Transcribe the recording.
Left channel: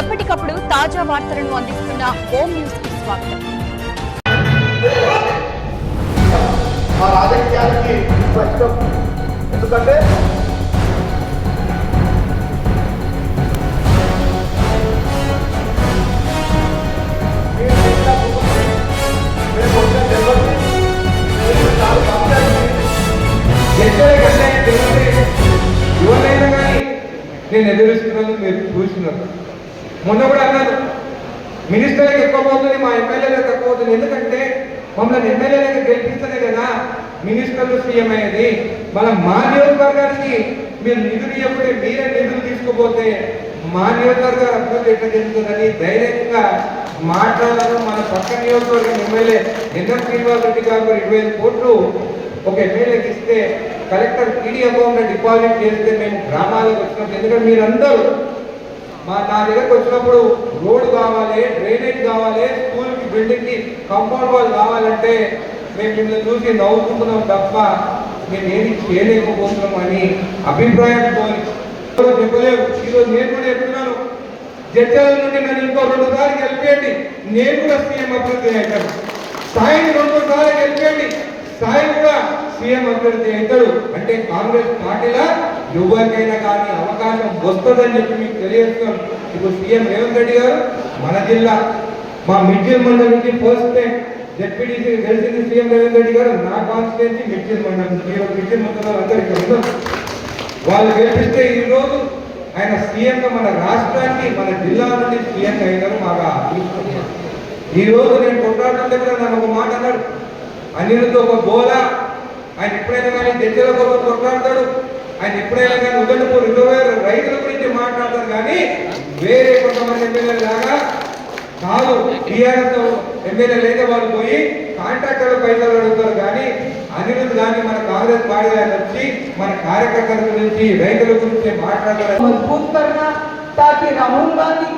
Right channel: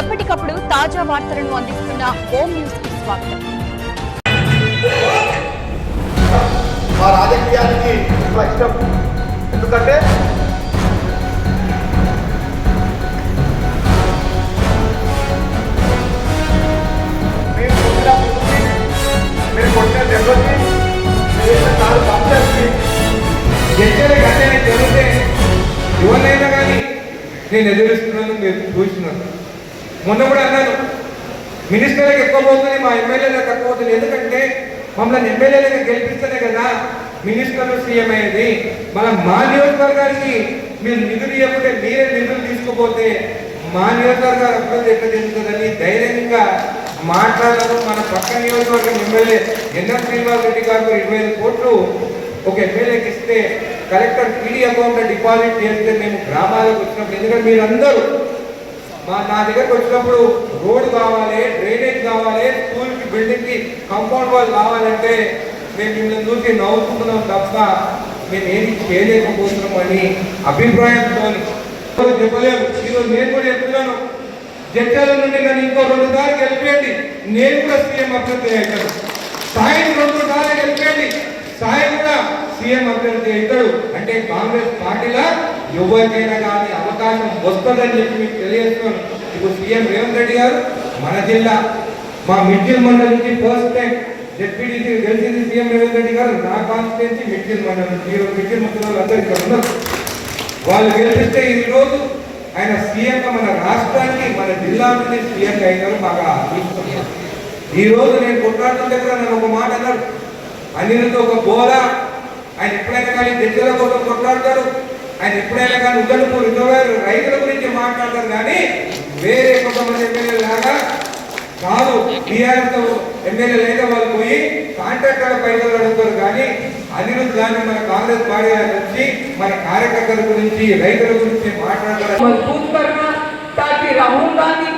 ఎప్పటికప్పుడు తాజా వార్తలను అందిస్తున్న హోమ్ న్యూస్ కి స్వాగతం. ఎందుకంటే ఎవరైనా కానీ నేను ఎదురుస్తున్నాను, మీరు చూస్తున్నారు. మొన్న కూడా అన్నారు మినిస్టర్లకు ఎక్కువ పోతుంది, మా ఎమ్మెల్యేలకు తక్కువ పోతుంది. ఎందుకంటే మమ్మల్ని ఎమ్మెల్యేలకు గెలిపిస్తేనే కదా మినిస్టర్లు సీఎం అయ్యేది. మా నియోజకవర్గానికి మీరు నిధులు ఇవ్వకపోతే, మీరే నిధులు తీసుకుపోతే మా నియోజకవర్గ అభివృద్ధి ఎట్లా జరుగుతుందని ధైర్యంగా మాట్లాడారు. మన పక్క నియోజకవర్గం ఎమ్మెల్యే ఎన్ఎస్ శ్రీనివాస్ రెడ్డి గారు 25 కోట్లు ఒక ఎమ్మెల్యేకి ఇస్తే కలెక్టర్ పీడీ అకౌంట్లో డిపాజిట్ చేస్తే మేము గ్రామాలకు వచ్చినప్పుడు, ఎందుకంటే మీరందరూ నా దగ్గరకు వచ్చినప్పుడు రోడ్డు కావాలి, డ్రైనేజ్ కావాలి, స్కూల్కి బిల్డింగ్కి కాంపౌండ్ వాల్ కావాలంటే మేము మిమ్మల్ని చూసి నవ్వుకుంటున్నాం తప్ప మేము ఏమి చేయలేకపోతున్నాం అని అభిప్రాయంతో చెప్పలేము. ఈరోజు నేను కూడా చెప్తున్నాను, జడ్జాల నుండి నన్ను ఇంకో 2 సార్లు గెలిపేయండి, నేను కూడా సీఎం అభ్యర్థిని అవుతాను. సాయం 2 సార్లు గెలిపేయండి, సాయం కూడా సీఎం అభ్యర్థి అవుతాడు. అంటే కాంగ్రెస్ పార్టీలో ఎవరికైనా కానీ అవకాశం వస్తుందని చెప్పి మీకు తెలియజేస్తున్నాను. ఇప్పుడు సీఎం రేవంత్ రెడ్డి గారు మన జిల్లా మా మిడ్జిల్ మండలం నుంచి ఫస్ట్ టైం డిప్యూటీ గెలిచింది సీఎం రేవంత్ రెడ్డి గారు. నా కాన్స్టిట్యున్సీ మిడ్జిల్ మండలం, మిడ్జిల్ మండలం అందరికీ ఉన్నారు. వాళ్ళు గెలిపిస్తే ఈరోజు ఆయన సీఎంగా మన రాష్ట్రానికి, మన జిల్లా నుండి సీఎంగా అయినారు. బాగా తీసుకున్నారు. ఈరోజు నేను కొట్లాడుతుంటే కూడా నన్ను ఒక మాట అన్నాడు, అన్నిటితో ఒక బోల. ఆయన ఎప్పుడైనా కానీ దగ్గర కోసం కొట్లాడతాడు, ఆయన ఎప్పుడైనా కానీ ఉదయపూర్ రైతుల గురించి మాట్లాడతారు. కానీ వేరే కొంతమంది ఎమ్మెల్యేలు లాగా కాదు. టీఆర్ఎస్ ఎమ్మెల్యేలు అయితే వాళ్ళు పోయి కాంట్రాక్టర్ పైసలు అడుగుతారు. కానీ అనిరుద్ధ్ కానీ మన కాంగ్రెస్ పార్టీ వచ్చి మన కార్యకర్తల గురించి, రైతుల గురించి మాట్లాడతారు. मजबूत करना ताकि राहुल गांधी